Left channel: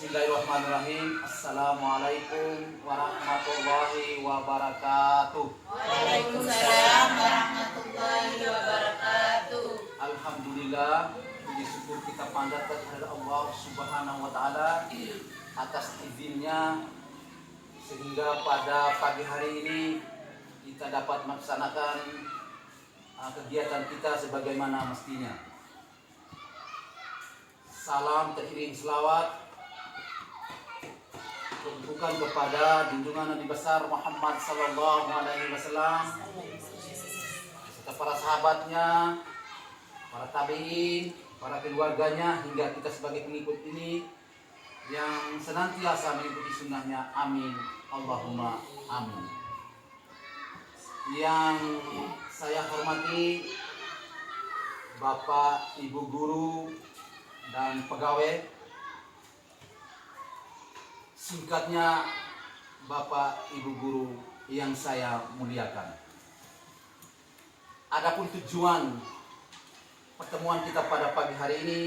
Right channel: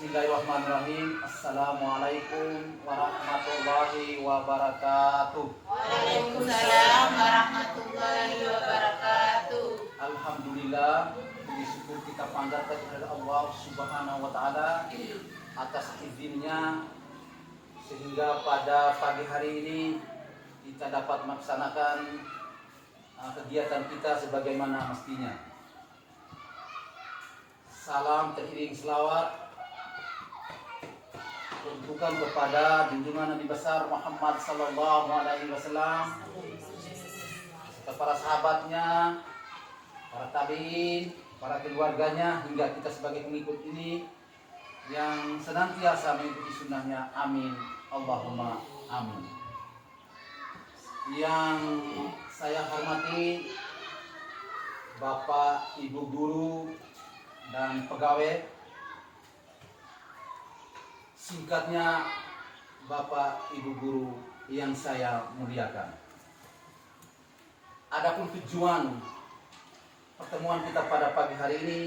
Bismillahirrahmanirrahim. Assalamualaikum warahmatullahi wabarakatuh. Waalaikumsalam warahmatullahi wabarakatuh. Alhamdulillah, puji syukur kita panjatkan kepada Allah Subhanahu wa taala atas izinnya sehingga pada pagi hari ini kita dapat melaksanakan kegiatan kita sebagaimana mestinya. Salam teriring selawat tunjukkan kepada junjungan Nabi besar Muhammad sallallahu alaihi wasallam serta para sahabatnya, para tabi'in, para keluarganya hingga kita sebagai pengikut ini yang senantiasa mengikuti sunnahnya. Amin. Allahumma amin. Yang saya hormati Bapak, Ibu guru dan pegawai, singkatnya Bapak Ibu guru yang saya muliakan. Adapun tujuan pertemuan kita pada pagi hari ini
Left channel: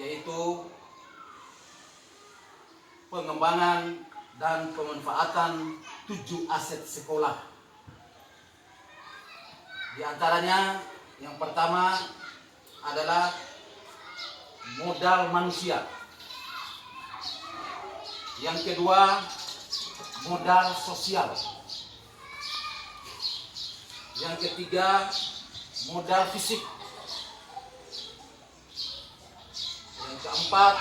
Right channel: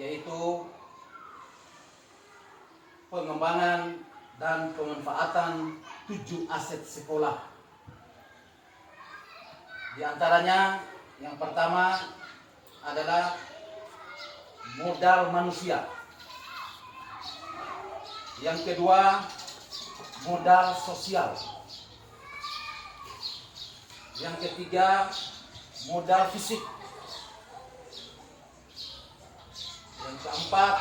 yaitu pengembangan dan pemanfaatan 7 aset sekolah. Di antaranya yang pertama adalah modal manusia. Yang kedua, modal sosial. Yang ketiga, modal fisik. Yang keempat,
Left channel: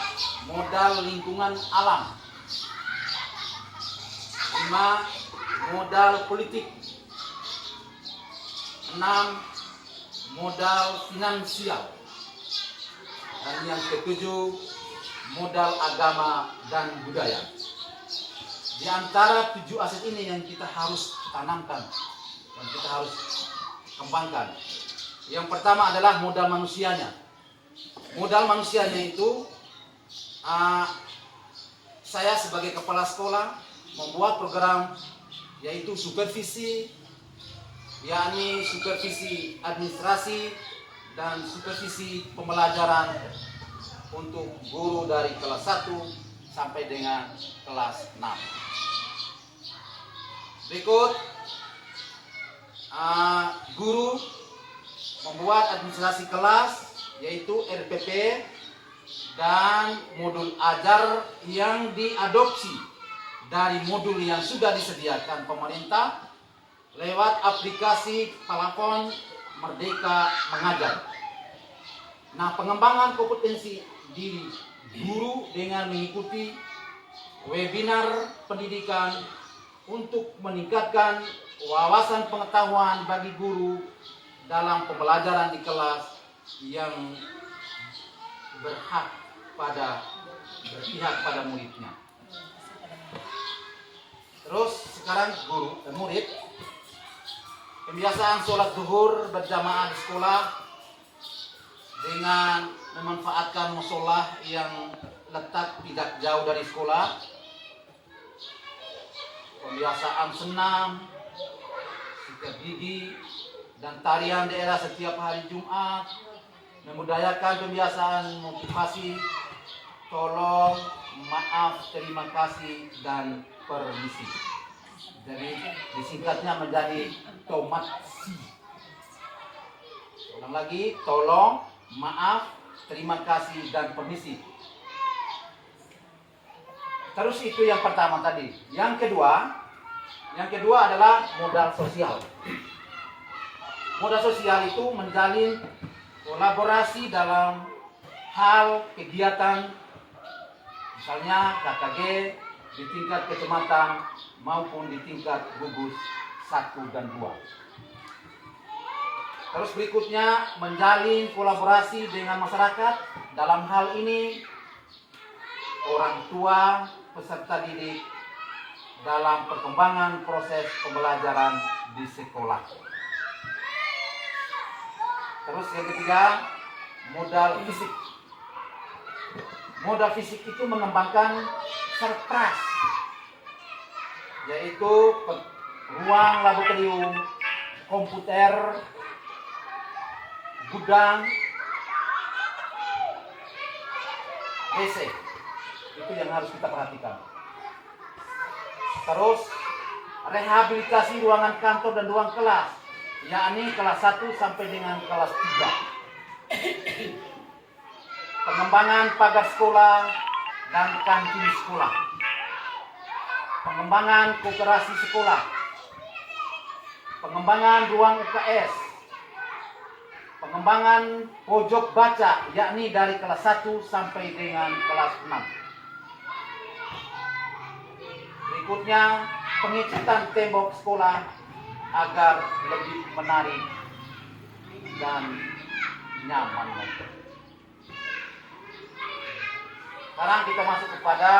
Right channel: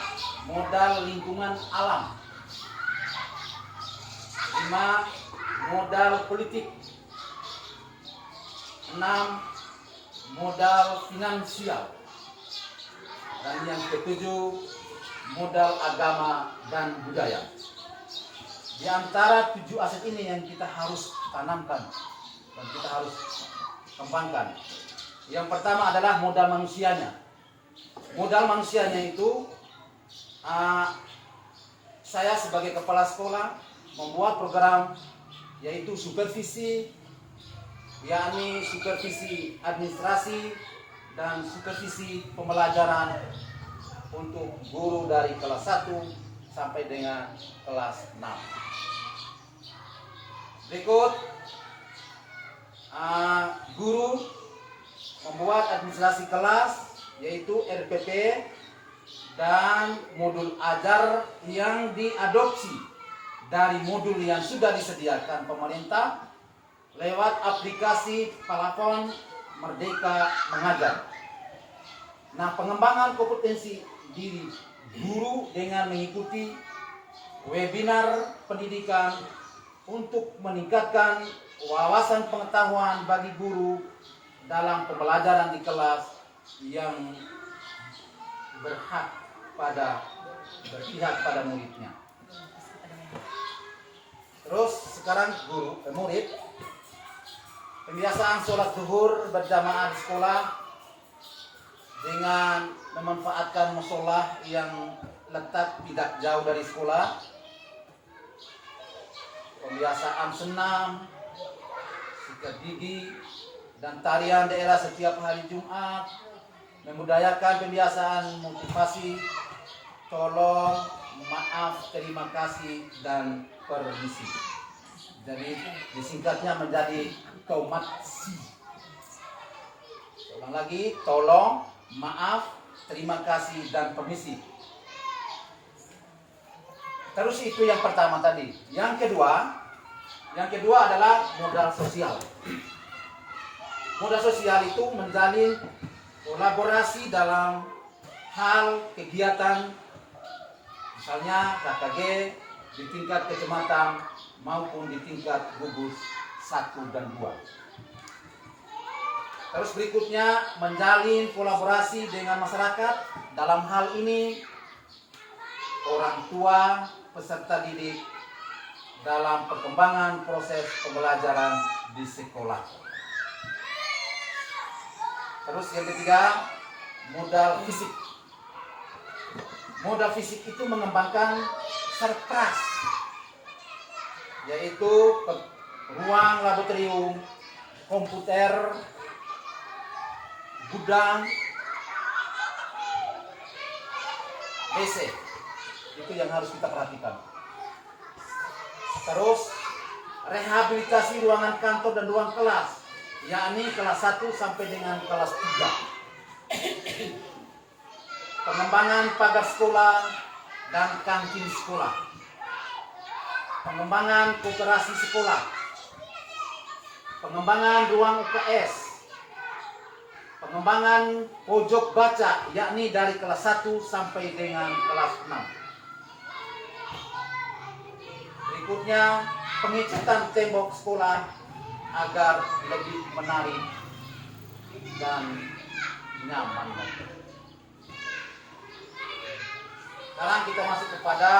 modal lingkungan alam. 5, modal politik. 6, modal finansial. Dan yang ketujuh, modal agama dan budaya. Di antara 7 aset ini yang kita harus tanamkan dan kita harus kembangkan. Yang pertama adalah modal manusianya. Modal manusianya itu saya sebagai kepala sekolah membuat program yaitu supervisi, yakni supervisi administrasi dan supervisi pembelajaran untuk guru dari kelas 1 sampai dengan kelas 6. Berikut, guru membuat administrasi kelas yaitu RPP dan modul ajar yang diadopsi dari modul yang sudah disediakan pemerintah lewat aplikasi telepon Merdeka Mengajar. Nah, pengembangan kompetensi diri guru dengan mengikuti webinar pendidikan untuk meningkatkan wawasan pengetahuan bagi guru dalam pembelajaran di kelas yang berpihak pada muridnya. Terus sekarang murid pembiasaan sholat zuhur berjamaah di sekolah dengan memanfaatkan musola yang letak tidak jauh dari sekolah. Pembiasaan senam, sikat gigi, dan tarian daerah setiap hari Jumat. Membudayakan pembiasaan motivasi, tolong, maaf, terima kasih, dan permisi. Jadi disingkatnya menjadi TOMATSI. Ulang lagi, tolong, maaf, terima kasih, dan permisi. Terus itu yang pertama tadi. Yang kedua adalah modal sosial. Modal sosial itu menjalin kolaborasi dalam hal kegiatan, misalnya KKG di tingkat kecamatan maupun di tingkat gugus 1 dan 2. Terus berikutnya menjalin kolaborasi dengan masyarakat. Dalam hal ini orang tua, peserta didik dalam perkembangan proses pembelajaran di sekolah. Terus yang ketiga, modal fisik. Modal fisik itu mengembangkan sertras, yaitu ruang laboratorium, komputer, gudang, DC. Itu yang harus kita perhatikan. Terus rehabilitasi ruangan kantor dan ruang kelas, yakni kelas 1 sampai dengan kelas 3. Pengembangan pagar sekolah dan kantin sekolah. Pengembangan koperasi sekolah. Pengembangan ruang UKS. Pengembangan pojok baca, yakni dari kelas 1 sampai dengan kelas 6. Berikutnya, pengecatan tembok sekolah agar lebih menarik dan nyaman. Sekarang kita masuk kepada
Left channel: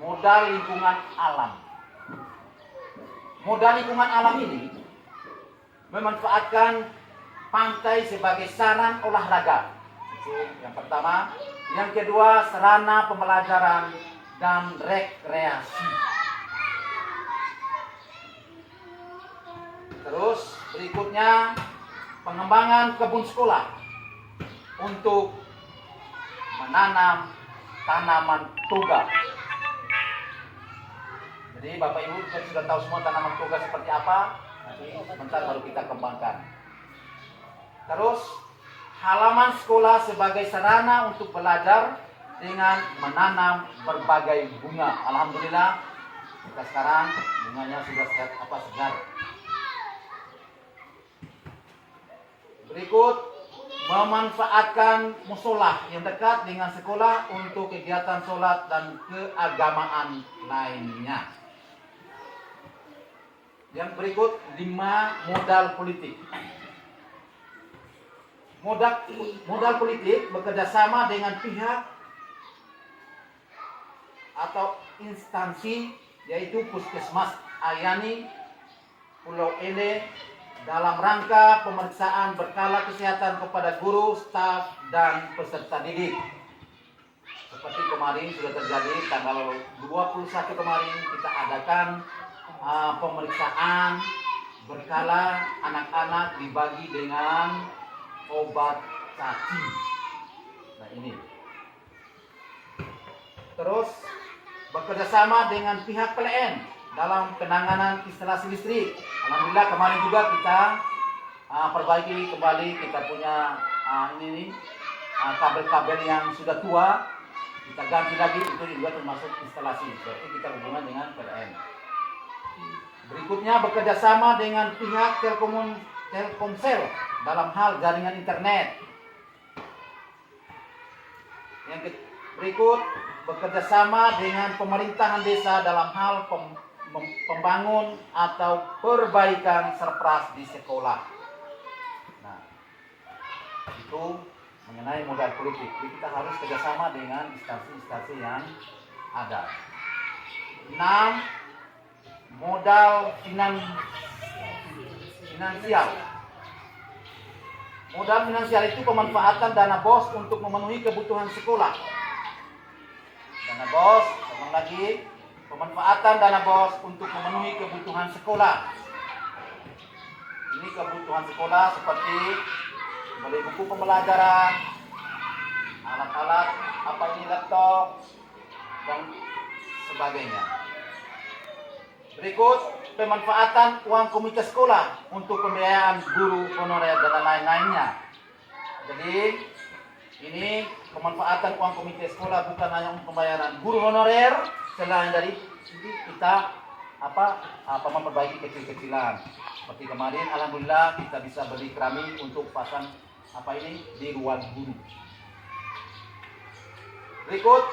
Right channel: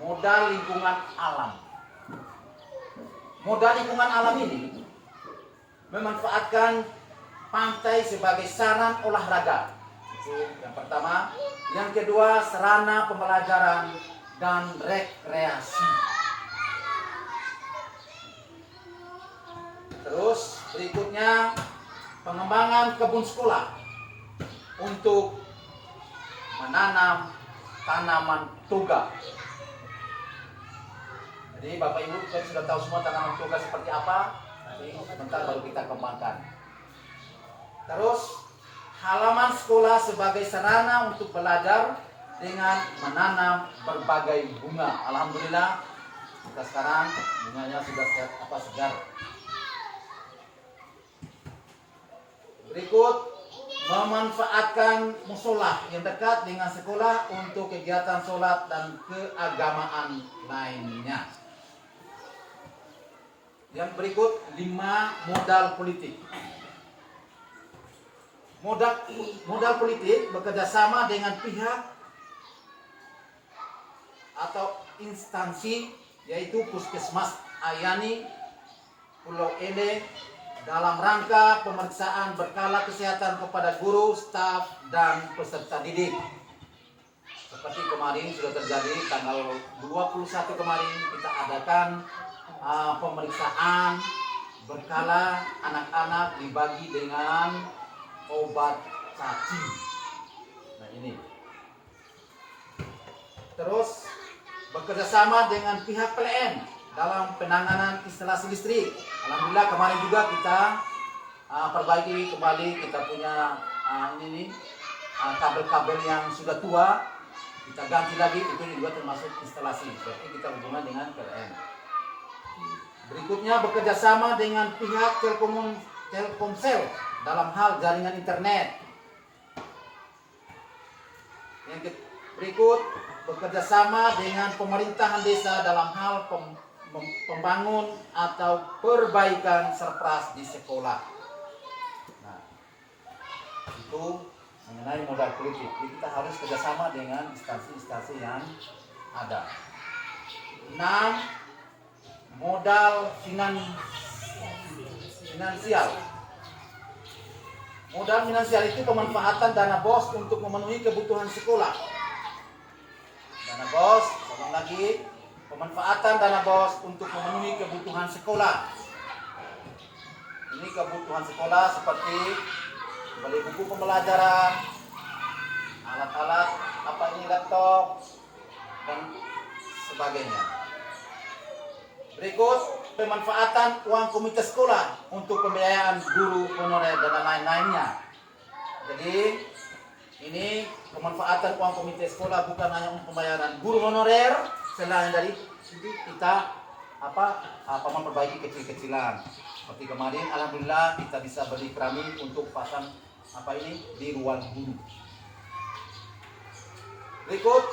modal lingkungan alam. Modal lingkungan alam ini memanfaatkan pantai sebagai sarana olahraga. Itu yang pertama. Yang kedua, sarana pembelajaran dan rekreasi. Terus berikutnya, pengembangan kebun sekolah untuk menanam tanaman toga. Jadi Bapak Ibu sudah tahu semua tanaman toga seperti apa. Nanti sebentar baru kita kembangkan. Terus halaman sekolah sebagai sarana untuk belajar dengan menanam berbagai bunga. Alhamdulillah kita sekarang bunganya sudah segar. Berikut, memanfaatkan musola yang dekat dengan sekolah untuk kegiatan sholat dan keagamaan lainnya. Yang berikut, 5 modal politik. Modal politik bekerjasama dengan pihak atau instansi, yaitu Puskesmas Ayani Pulau Ele, dalam rangka pemeriksaan berkala kesehatan kepada guru, staf, dan peserta didik. Seperti kemarin sudah terjadi tanggal 21 kemarin kita adakan pemeriksaan berkala anak-anak dibagi dengan obat cacing. Nah ini. Terus bekerjasama dengan pihak PLN dalam penanganan instalasi listrik. Alhamdulillah kemarin juga kita perbaiki kembali, kita punya kabel-kabel yang sudah tua, kita ganti lagi, itu juga termasuk instalasi. Berarti kita hubungan dengan PLN. Berikutnya bekerjasama dengan pihak Telkomsel dalam hal jaringan internet. Yang berikut, bekerjasama dengan pemerintahan desa dalam hal pembangun atau perbaikan surprise di sekolah. Nah, itu mengenai modal politik. Jadi kita harus kerjasama dengan instansi-instansi yang ada. 6. Modal finansial. Modal finansial itu pemanfaatan dana BOS untuk memenuhi kebutuhan sekolah. Dana BOS, sama lagi, pemanfaatan dana BOS untuk memenuhi kebutuhan sekolah. Ini kebutuhan sekolah seperti beli buku pembelajaran, alat-alat laptop, dan sebagainya. Berikut, pemanfaatan uang komite sekolah untuk pembiayaan guru honorer dan lain-lainnya. Jadi, ini pemanfaatan uang komite sekolah bukan hanya untuk pembayaran guru honorer, selain dari kita memperbaiki kecil-kecilan. Seperti kemarin, alhamdulillah kita bisa beli keramik untuk pasang di ruang guru. Berikut,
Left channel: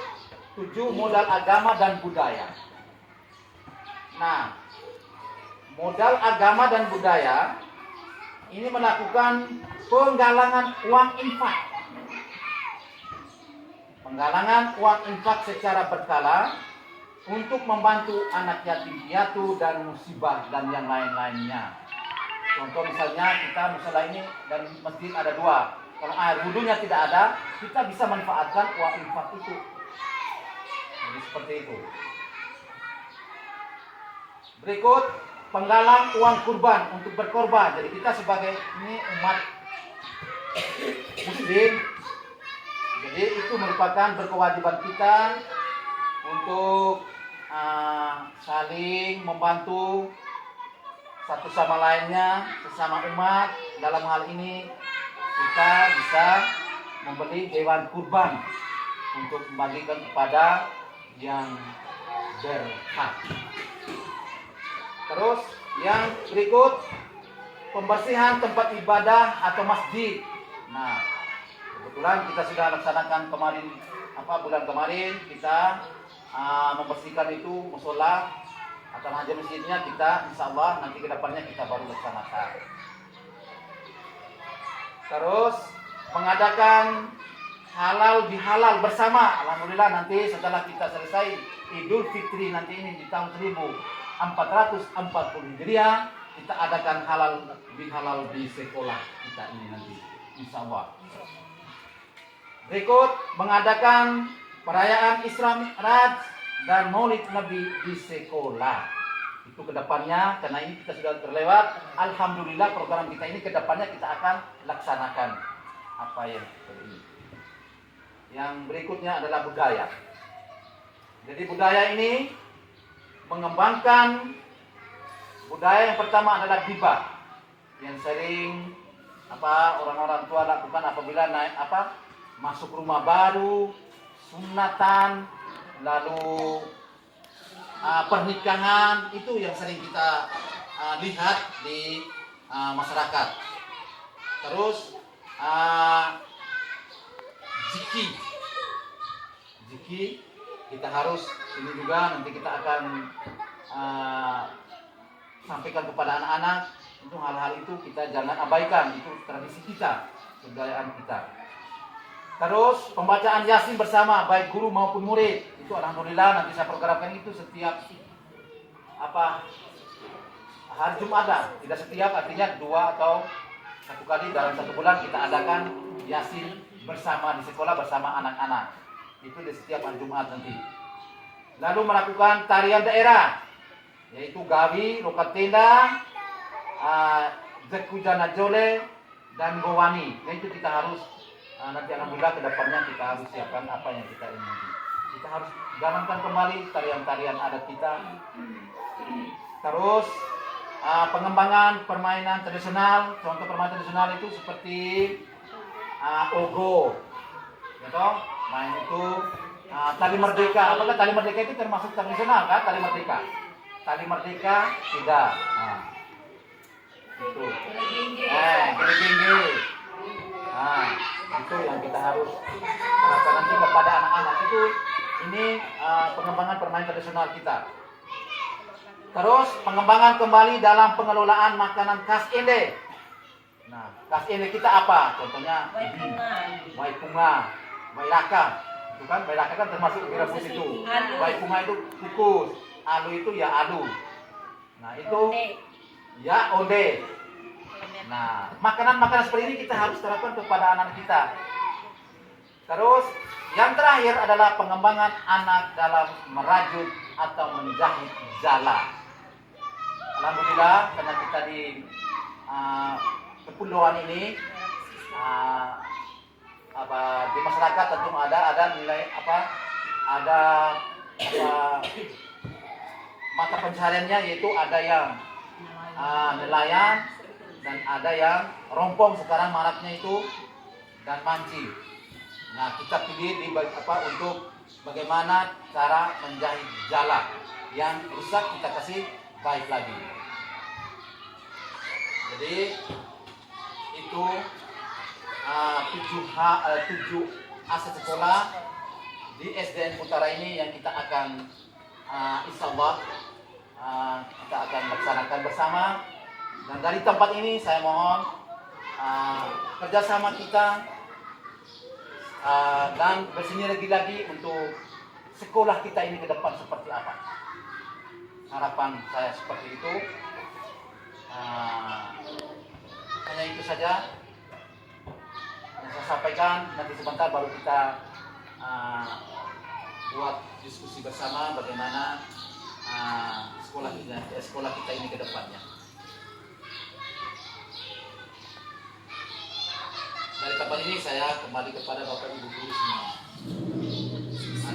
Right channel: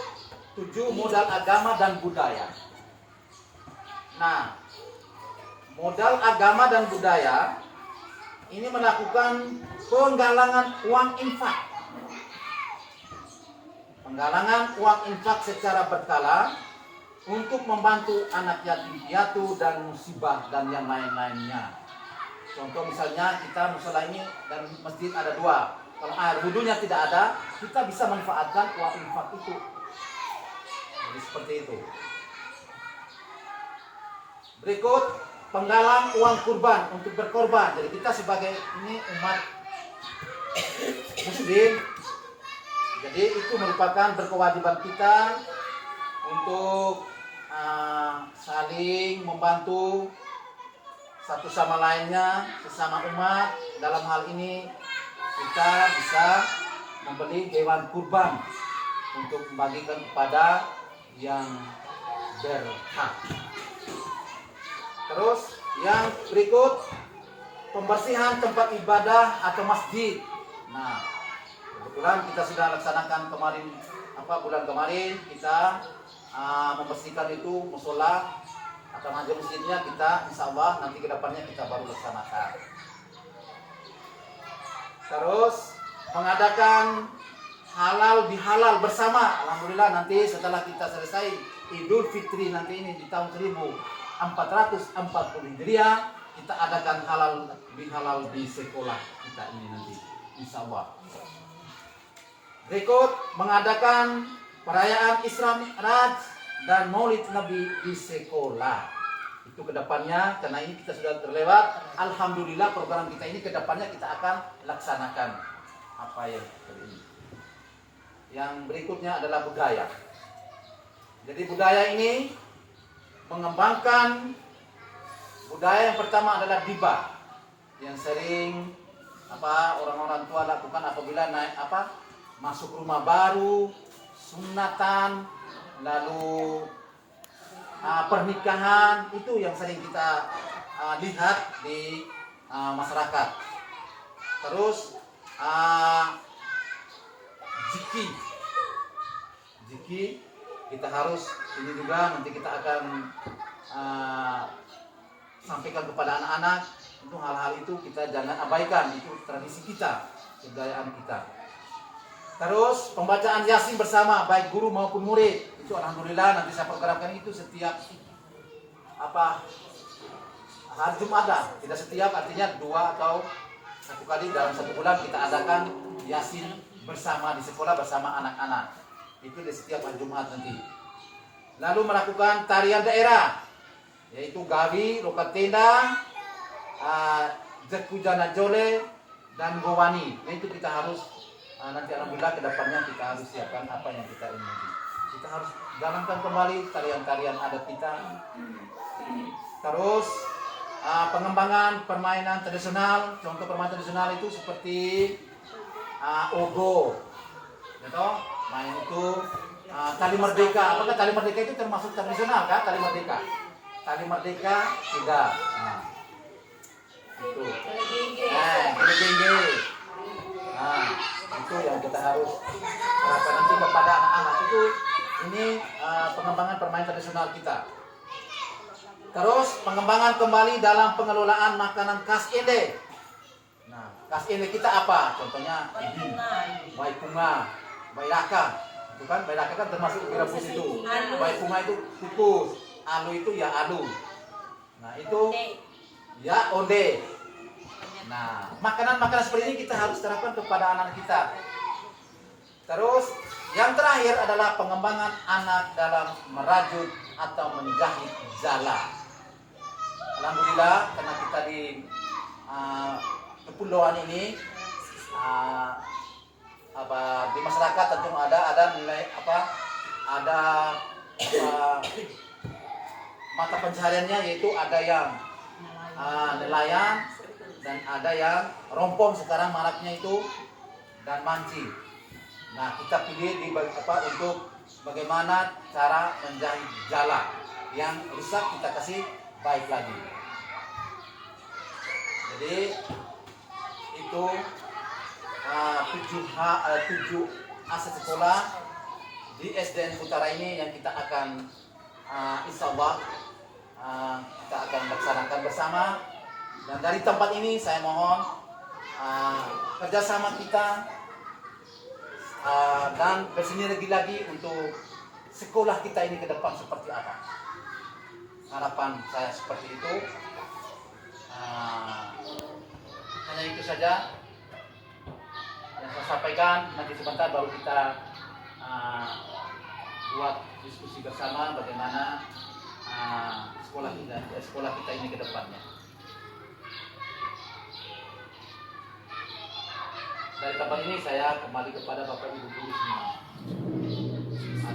7 modal agama dan budaya. Nah, modal agama dan budaya ini melakukan penggalangan uang infak. Penggalangan uang infak secara berkala untuk membantu anak yatim piatu dan musibah dan yang lain-lainnya. Contoh misalnya kita musola ini dan masjid ada 2. Kalau air wudhunya tidak ada, kita bisa manfaatkan uang infak itu. Jadi seperti itu. Berikut, penggalang uang kurban untuk berkorban. Jadi kita sebagai ini umat muslim Jadi itu merupakan berkewajiban kita untuk saling membantu satu sama lainnya, sesama umat. Dalam hal ini kita bisa membeli hewan kurban untuk membagikan kepada yang berhak. Terus yang berikut, pembersihan tempat ibadah atau masjid. Nah, kebetulan kita sudah laksanakan kemarin, bulan kemarin kita membersihkan itu musola atau majelis masjidnya. Kita insya Allah nanti ke depannya kita baru laksanakan. Terus mengadakan halal bihalal bersama. Alhamdulillah nanti setelah kita selesai Idul Fitri nanti ini di tahun 1440 Hijriah, kita adakan halal bihalal di sekolah kita ini nanti insya Allah. Berikut mengadakan perayaan Isra Mi'raj dan Maulid Nabi di sekolah. Itu kedepannya, karena ini kita sudah terlewat. Alhamdulillah program kita ini kedepannya kita akan laksanakan apa yang seperti ini. Yang berikutnya adalah budaya. Jadi budaya ini mengembangkan budaya. Yang pertama adalah gibah, yang sering orang-orang tua lakukan apabila masuk rumah baru, sunatan, lalu pernikahan, itu yang sering kita lihat di masyarakat. Terus zikir kita harus, ini juga nanti kita akan sampaikan kepada anak-anak. Untuk hal-hal itu kita jangan abaikan, itu tradisi kita, kebudayaan kita. Terus pembacaan Yasin bersama baik guru maupun murid, itu alhamdulillah nanti saya programkan itu setiap hari Jumat, tidak setiap, artinya 2 atau 1 kali dalam 1 bulan kita adakan Yasin bersama di sekolah bersama anak-anak. Itu di setiap hari Jumat nanti. Lalu melakukan tarian daerah, yaitu Gawi, Lokat Tenda, Jekujana Jole, dan Gowani. Nah, itu kita harus nanti alhamdulillah kedepannya kita harus siapkan apa yang kita ingin. Kita harus jalankan kembali tarian-tarian adat kita. Terus pengembangan permainan tradisional. Contoh permainan tradisional itu seperti ogo, gitu. Main itu tali merdeka. Apakah tali merdeka itu termasuk tradisional kan? Tali merdeka tidak. Nah, itu. Kelegengge. Nah, itu yang kita harus terapkan nanti kepada anak-anak. Itu ini pengembangan permainan tradisional kita. Terus pengembangan kembali dalam pengelolaan makanan khas Ende. Nah, khas Ende kita apa? Contohnya Waipunga, Bailaka. Itu kan Bailaka kan termasuk direbus itu. Waipunga itu kukus, alu itu ya alu. Nah, itu ya onde. Nah, makanan-makanan seperti ini kita harus terapkan kepada anak kita. Terus yang terakhir adalah pengembangan anak dalam merajut atau menjahit jala. Alhamdulillah karena kita di kepulauan ini di masyarakat tentu ada nilai mata pencahariannya, yaitu ada yang nelayan dan ada yang rompong sekarang maraknya itu, dan mancing. Nah, kita pilih untuk bagaimana cara menjahit jala yang rusak, kita kasih baik lagi. Jadi itu 7 aset sekolah di SDN Utara ini yang kita akan insya Allah kita akan laksanakan bersama. Dan dari tempat ini saya mohon kerjasama kita dan bersinergi lagi untuk sekolah kita ini ke depan seperti apa. Harapan saya seperti itu. Hanya itu saja yang saya sampaikan. Nanti sebentar baru kita buat diskusi bersama bagaimana sekolah kita ini ke depannya. dari tempat ini saya kembali kepada Bapak Ibu guru semua.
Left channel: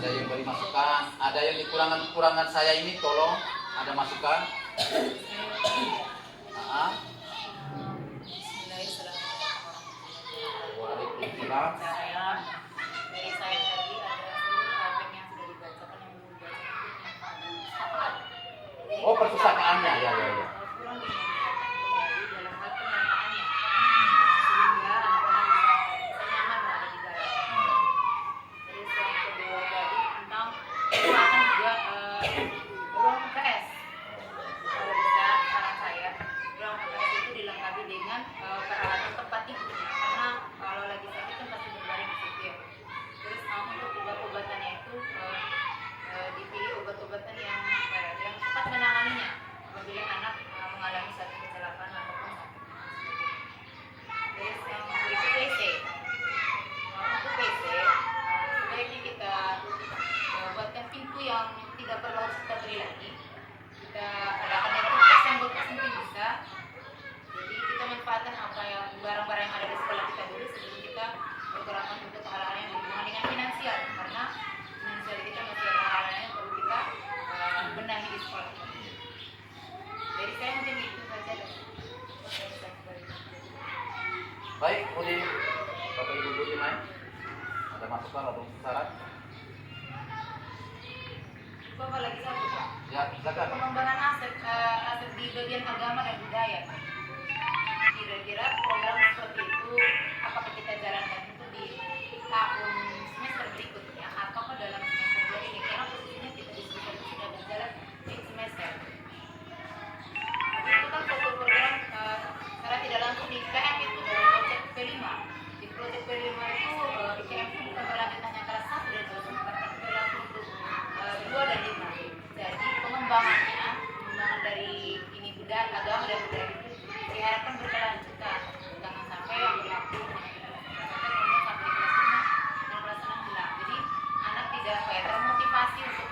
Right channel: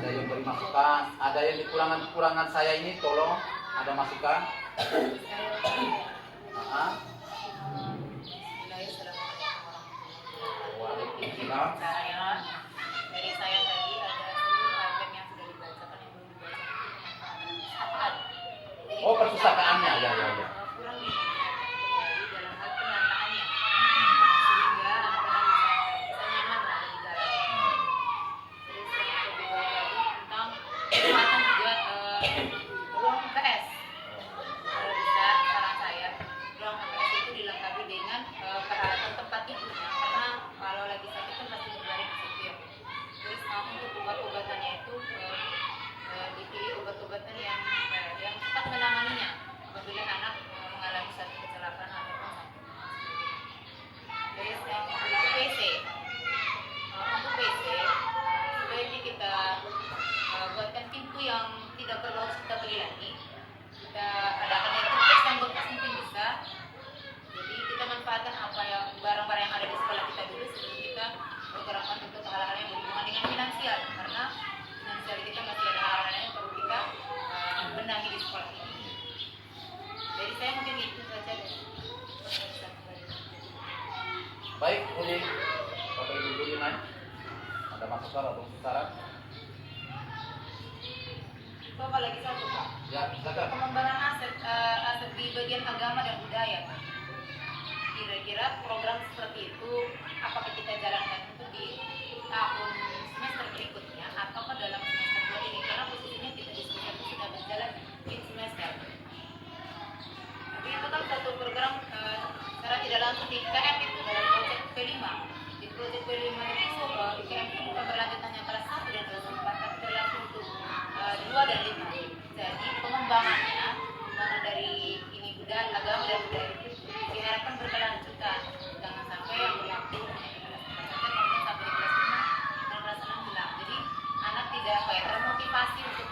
Ada yang beri masukan, ada yang kekurangan saya ini tolong ada masukan. Waalaikumsalam. Dari saya tadi ada seluruh ayat yang sudah dibacakan yang belum dibacakan. Oh, perpustakaannya ya. Kurang kembali dalam hal penataannya sehingga anak-anak bisa nyaman berada di dalamnya. Terus yang kedua tadi tentang kesempatan juga ruang UKS. Kalau bisa saran saya ruang UKS itu dilengkapi dengan peralatan tempat tidurnya karena kalau lagi sakit kan pasti berbaring di situ ya. Terus untuk obat-obatannya itu dipilih obat-obatan yang cepat menanganinya apabila anak mengalami suatu kecelakaan ataupun sakit. Terus yang berikut WC. Untuk WC sebaiknya kita buatkan pintu yang tidak perlu harus kita beli lagi. Kita adakan yang toothpaste yang bekas mungkin bisa. Jadi kita manfaatkan apa yang barang-barang yang ada di sekolah kita dulu sebelum kita bergerakkan untuk hal-hal yang berhubungan dengan finansial karena finansial kita masih ada hal-hal yang perlu kita benahi di sekolah ini. Dari saya mungkin itu saja. Baik, kemudian Bapak Ibu guru ini ada masukan atau saran? Bapak lagi satu Pak. Ya, silakan. Pengembangan aset di bagian agama dan budaya. Kira-kira program seperti itu apakah kita jalankan itu di tahun semester berikutnya ataukah dalam semester 2 ini? Karena posisinya kita diskusikan sudah berjalan di semester. Jadi itu kan satu program secara tidak langsung di IKM itu dalam proyek P5. Di proyek P5 itu IKM itu bukan berlanjutannya kelas 1 dan kelas 4 tapi berlangsung untuk 2 dan 5. Jadi pengembangan dari ini budaya agama dan budaya itu diharapkan berkelanjutan. Jangan sampai yang berlaku hanya di kelas 3 saja kemudian sampai di kelas 5 dan kelas 6 hilang. Jadi anak tidak termotivasi untuk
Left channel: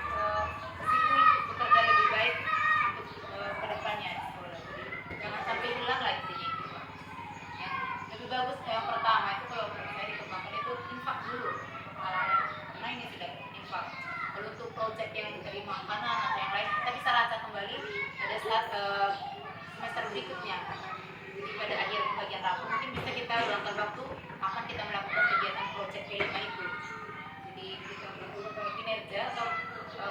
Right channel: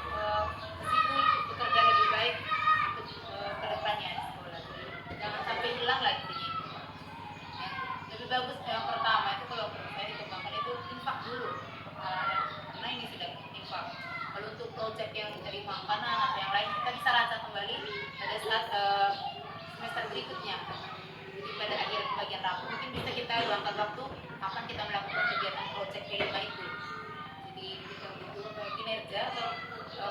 ke situ bekerja lebih baik untuk ke depannya di sekolah. Jangan sampai hilang lagi ini. Yang lebih bagus yang pertama itu kalau saya dikembangkan itu infak dulu untuk hal-hal karena ini sudah infak. Kalau untuk proyek yang dari makanan atau yang lain kita bisa rancang kembali pada saat semester berikutnya. Jadi pada akhir bagian rapor mungkin bisa kita luangkan waktu kapan kita melakukan kegiatan proyek kelima itu. Jadi kita butuh kinerja atau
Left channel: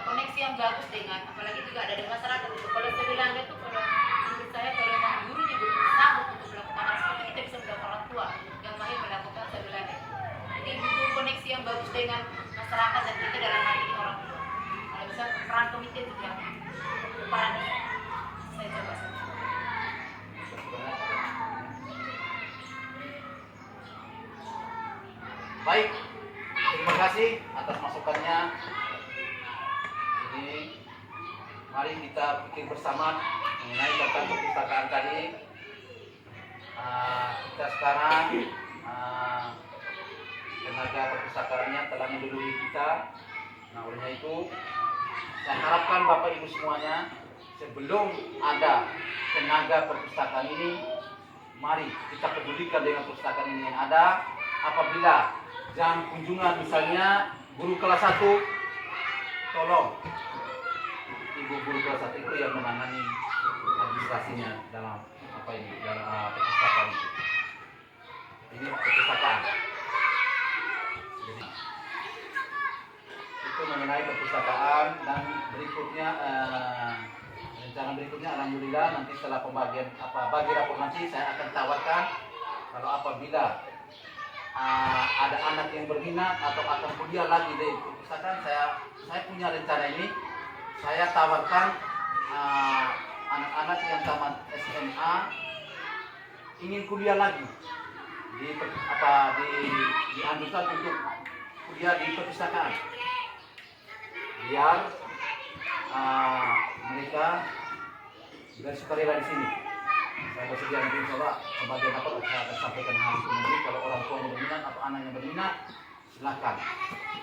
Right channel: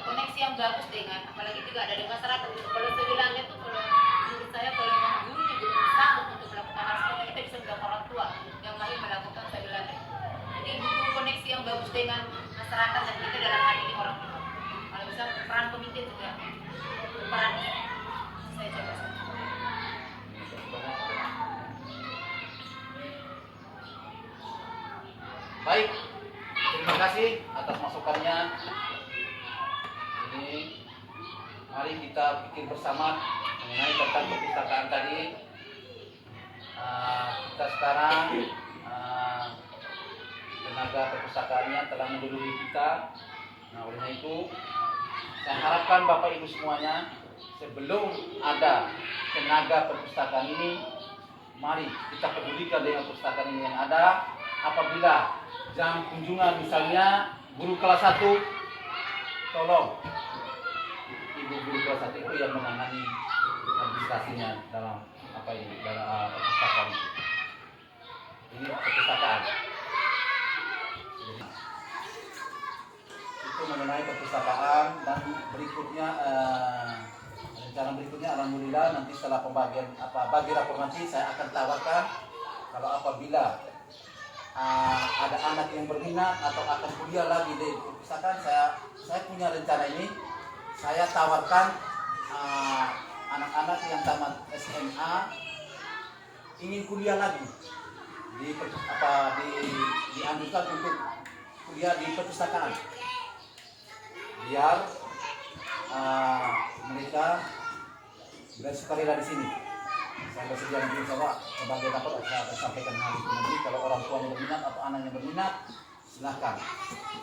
koneksi yang bagus dengan apalagi juga ada di masyarakat itu. Kalau saya bilangnya itu kalau menurut saya kalau memang gurunya belum sanggup untuk melakukan hal seperti kita bisa mendapatkan orang tua yang mahir melakukan saya bilangnya. Jadi butuh koneksi yang bagus dengan masyarakat dan kita dalam hal ini orang tua. Kalau bisa peran komite itu ya peran saya coba saja. Baik, terima kasih atas masukannya. Jadi, mari kita pikir bersama mengenai tentang perpustakaan tadi. Kita sekarang tenaga perpustakaannya telah mendahului kita. Nah, oleh itu, saya harapkan Bapak Ibu semuanya sebelum ada tenaga perpustakaan ini, mari kita pedulikan dengan perpustakaan ini yang ada. Apabila jam kunjungan misalnya guru kelas 1, tolong ibu guru kelas 1 itu yang menangani administrasinya dalam apa ini dalam perpustakaan itu. Ini perpustakaan. Jadi, itu mengenai perpustakaan dan berikutnya rencana berikutnya alhamdulillah nanti setelah pembagian bagi rapor nanti saya akan tawarkan kalau apabila ada anak yang berminat atau akan kuliah lagi di perpustakaan, saya punya rencana ini. Saya tawarkan anak-anak yang tamat SMA ingin kuliah lagi dianjurkan untuk kuliah di perpustakaan biar mereka bersukarela di sini. Saya bersedia nanti coba sebagai rapor saya akan sampaikan hal itu nanti kalau orang tua yang berminat atau anak yang berminat silakan.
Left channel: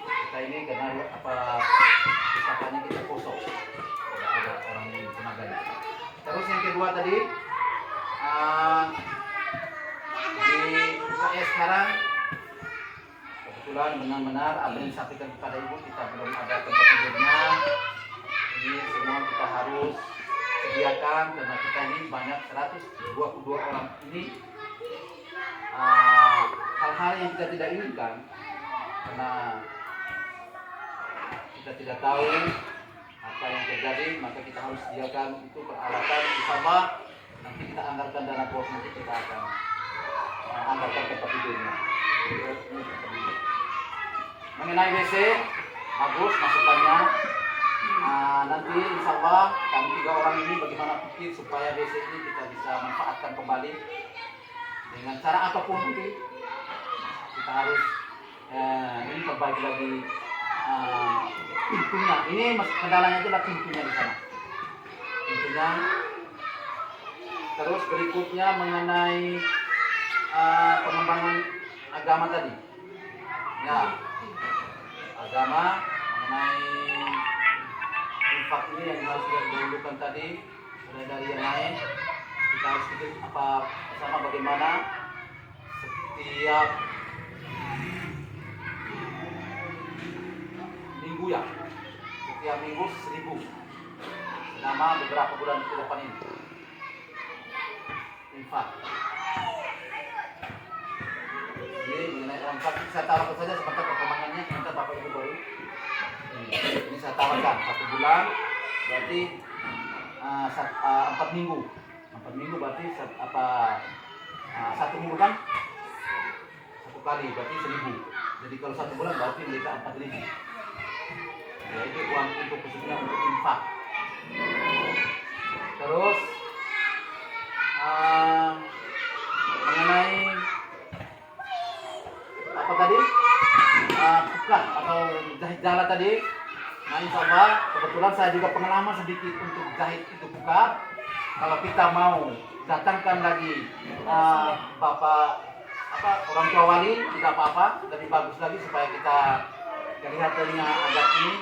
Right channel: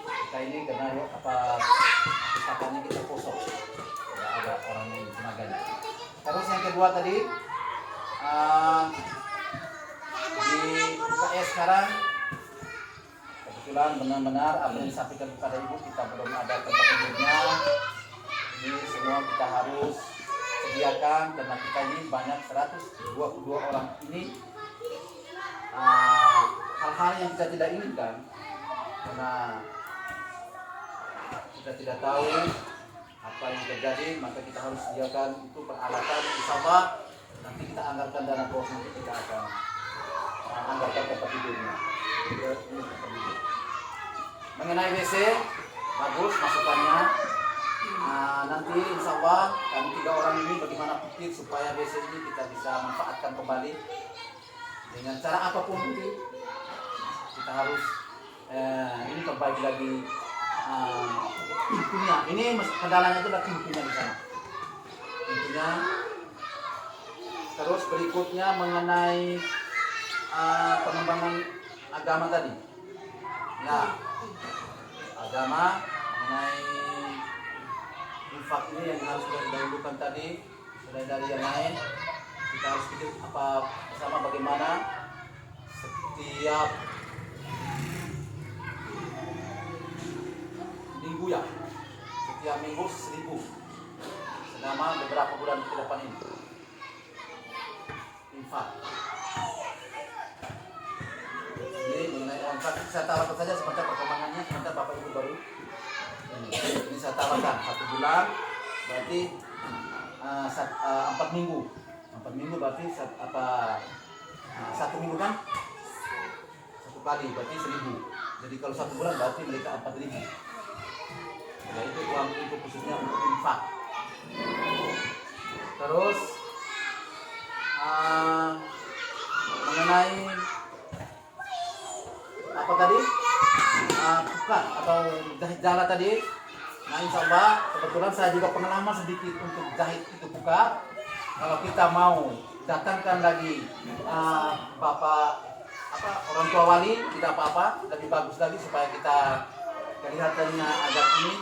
Kita ini karena pustakaannya kita kosong, tidak ada orang yang tenaganya. Terus yang kedua tadi di UKS sekarang kebetulan benar-benar apa yang disampaikan kepada ibu kita belum ada tempat tidurnya. Jadi semua kita harus sediakan karena kita ini banyak 122 orang ini. Hal-hal yang kita tidak inginkan karena kita tidak tahu apa yang terjadi, maka kita harus sediakan itu peralatan. Insyaallah nanti kita anggarkan dana bos, nanti kita akan anggarkan tempat tidurnya. Mengenai WC bagus masukannya. Nanti insyaallah kami 3 orang ini bagaimana pikir supaya WC ini kita bisa manfaatkan kembali dengan cara apapun itu. Kita harus ini perbaiki lagi pintunya. Ini kendalanya itu adalah pintunya di sana. Pintunya. Terus berikutnya mengenai pengembangan agama tadi. Ya, agama mengenai infak ini yang kita sudah dahulukan tadi, mulai dari yang lain kita harus pikir apa bersama bagaimana setiap minggu ya, setiap minggu 1.000 selama beberapa bulan ke depan ini infak. Jadi mengenai infak saya taruh saja sebentar perkembangannya, sebentar Bapak Ibu baru ini saya taruhkan 1 bulan berarti 4 minggu. 4 minggu berarti 1 minggu kan 1 kali berarti 1.000. Jadi kalau 1 bulan berarti mereka 4.000. Ya itu uang itu khususnya untuk infak. Terus mengenai apa tadi tukar atau jahit jala tadi. Nah insyaallah kebetulan saya juga pengalaman sedikit untuk jahit itu tukar. Kalau kita mau datangkan lagi bapak orang tua wali tidak apa-apa, lebih bagus lagi supaya kita kelihatannya agak ini.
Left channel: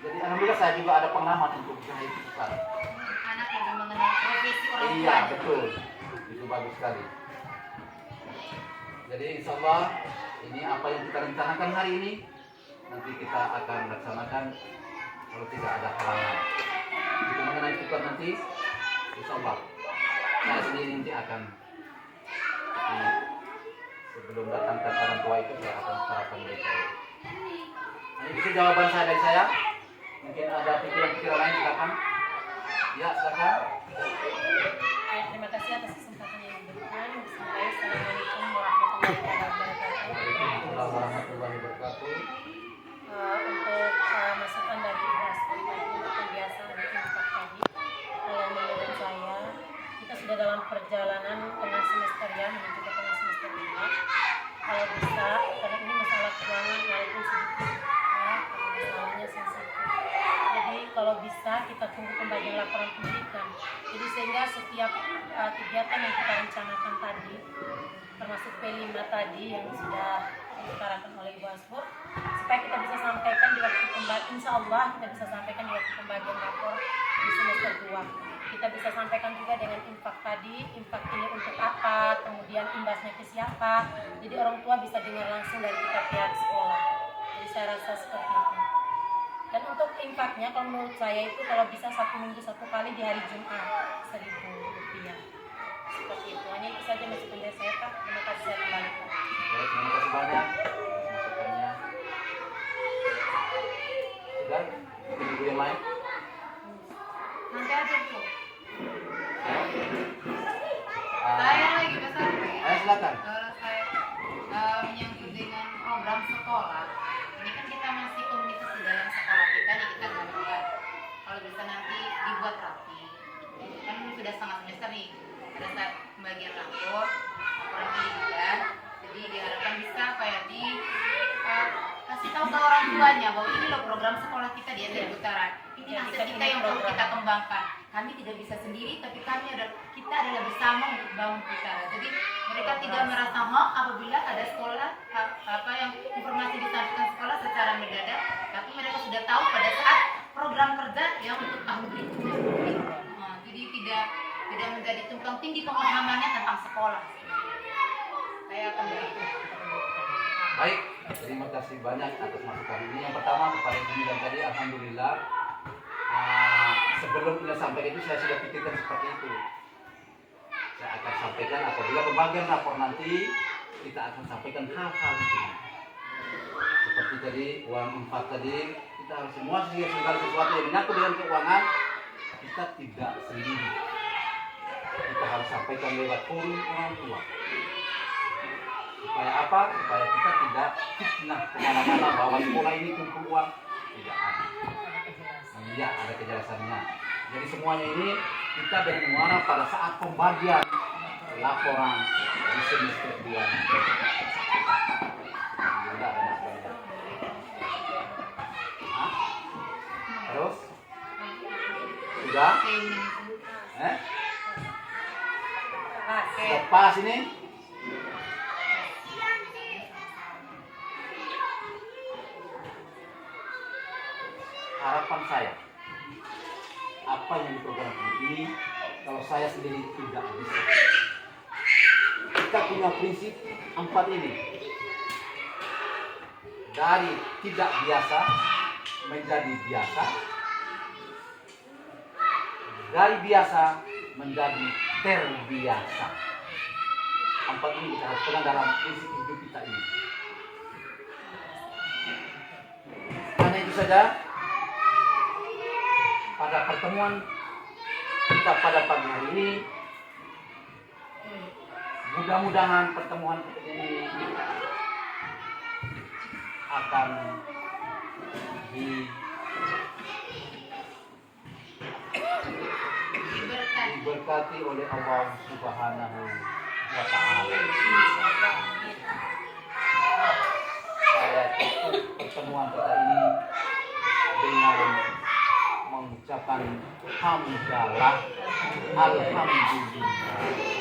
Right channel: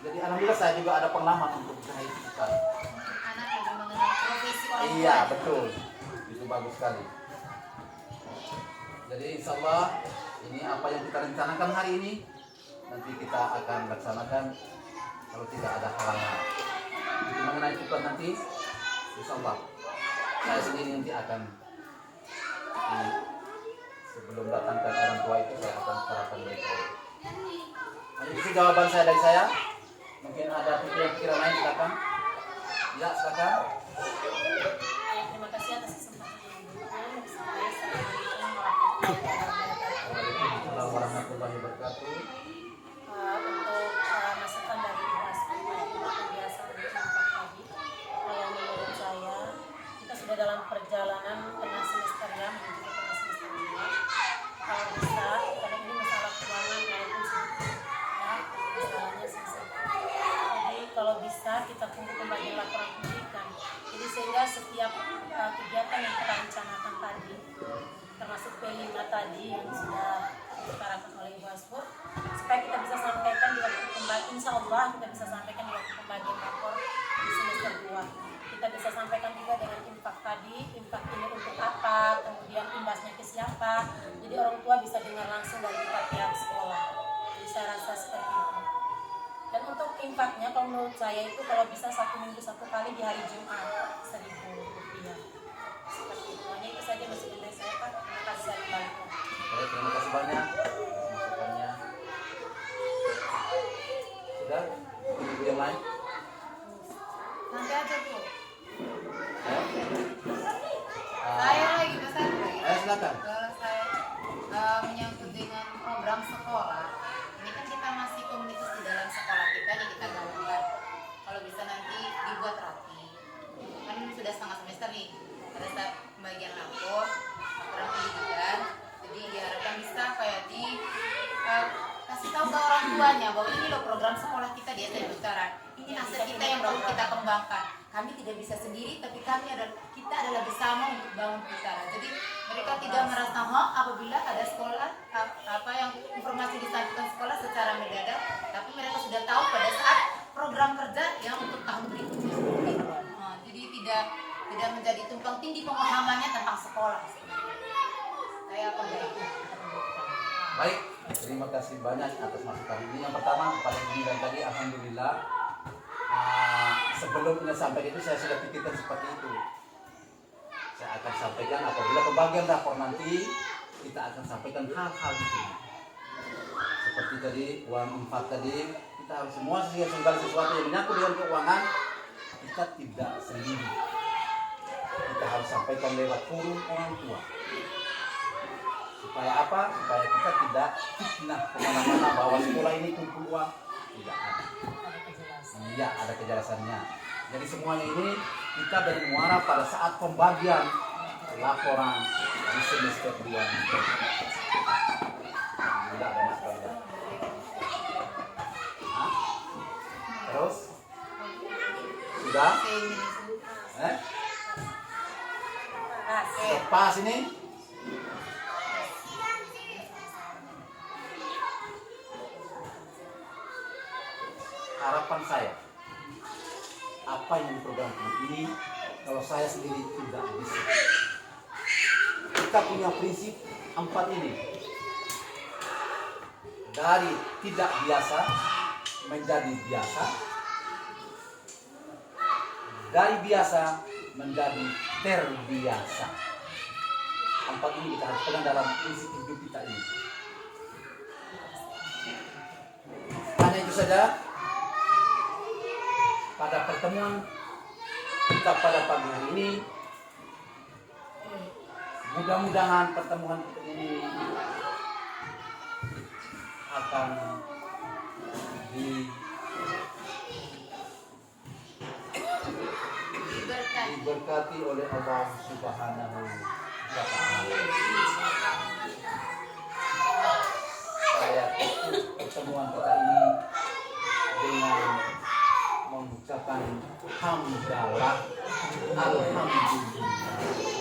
Jadi alhamdulillah saya juga ada pengalaman untuk jahit tukar. Anak yang mengenai profesi orang tua. Iya betul, itu bagus sekali. Jadi insyaallah ini apa yang kita rencanakan hari ini nanti kita akan laksanakan kalau tidak ada halangan. Itu mengenai tukar nanti insyaallah saya sendiri nanti akan sebelum datangkan orang tua itu saya akan serahkan mereka. Nah, itu jawaban saya dari saya. Mungkin ada pikiran-pikiran lain, silakan. Ya, silakan. Terima kasih atas kesempatan yang diberikan. Bismillahirrahmanirrahim. Warahmatullahi wabarakatuh. Untuk masukan dari Ibu tadi untuk kebiasaan infak tadi, kalau menurut saya kita sudah dalam perjalanan tengah semester ya menuju ke tengah semester 2. Kalau bisa, karena ini masalah keuangan walaupun sedikit ya, masalahnya sensitif. Jadi kalau bisa kita tunggu pembagian laporan pendidikan. Jadi sehingga setiap kegiatan yang kita rencanakan tadi, termasuk P5 tadi yang sudah diutarakan oleh Ibu Asfur, supaya kita bisa sampaikan di waktu pembagian, insya Allah kita bisa sampaikan di waktu pembagian rapor di semester 2. Kita bisa sampaikan juga dengan infak tadi, infak ini untuk apa, kemudian imbasnya ke siapa. Jadi orang tua bisa dengar langsung dari kita pihak sekolah. Jadi saya rasa seperti itu. Dan untuk infaknya kalau menurut saya itu kalau bisa 1 minggu 1 kali di hari Jumat 1.000 rupiah. Seperti itu. Hanya itu saja masukan dari saya Pak. Terima kasih, saya kembalikan. Baik, terima kasih banyak masukannya. Sudah, ibu yang lain. Nanti aja tuh. Saya lagi pesan. Ayo silakan. Saya menyangkut dengan program sekolah. Ini kan kita masih komunitas di dalam sekolah kita, jadi kita nggak buat. Kalau bisa nanti dibuat rapi. Kan sudah setengah semester nih. Pada saat pembagian laporan pendidikan. Jadi diharapkan bisa kayak kasih tahu ke orang tuanya bahwa ini loh program sekolah kita di SMP Utara. Ini hasil kita yang perlu kita kembangkan. Kami tidak bisa sendiri, tapi kita adalah bersama untuk bangun Utara. Jadi mereka tidak merasa apabila ada sekolah apa yang informasi disampaikan sekolah secara mendadak, tapi mereka sudah tahu pada saat program kerja yang untuk tahun berikutnya. Jadi tidak menjadi tumpang tindih pemahamannya tentang sekolah. Saya akan berikan. Baik, Terima kasih banyak atas masukan ini. Yang pertama paling penting tadi, alhamdulillah. Sebelum ini sampai itu saya sudah pikirkan seperti itu. Saya akan sampaikan apabila pembagian rapor nanti kita akan sampaikan hal-hal itu. Seperti tadi uang infak tadi, kita harus semua segala sesuatu yang menyangkut dengan keuangan kita tidak sendiri. Kita harus sampaikan lewat forum orang tua. Supaya apa? Supaya kita tidak fitnah kemana-mana bahwa sekolah ini kumpul uang. Tidak ada. Iya, ada kejelasannya. Jadi semuanya ini kita dari muara pada saat pembagian laporan di semester 2. Tidak ada masalah. Terus? Sudah? Sudah pas ini? Harapan saya, apa yang diprogramkan ini, kalau saya sendiri tidak bisa. Kita punya prinsip 4 ini. Dari tidak biasa menjadi biasa, dari biasa menjadi terbiasa. 4 ini kita harus pegang dalam prinsip hidup kita ini. Hanya itu saja. Pada pertemuan kita pada pagi hari ini, mudah-mudahan pertemuan kita ini akan diberkati oleh Allah Subhanahu wa Ta'ala. Saya tutup pertemuan kita ini dengan mengucapkan hamdalah, alhamdulillah.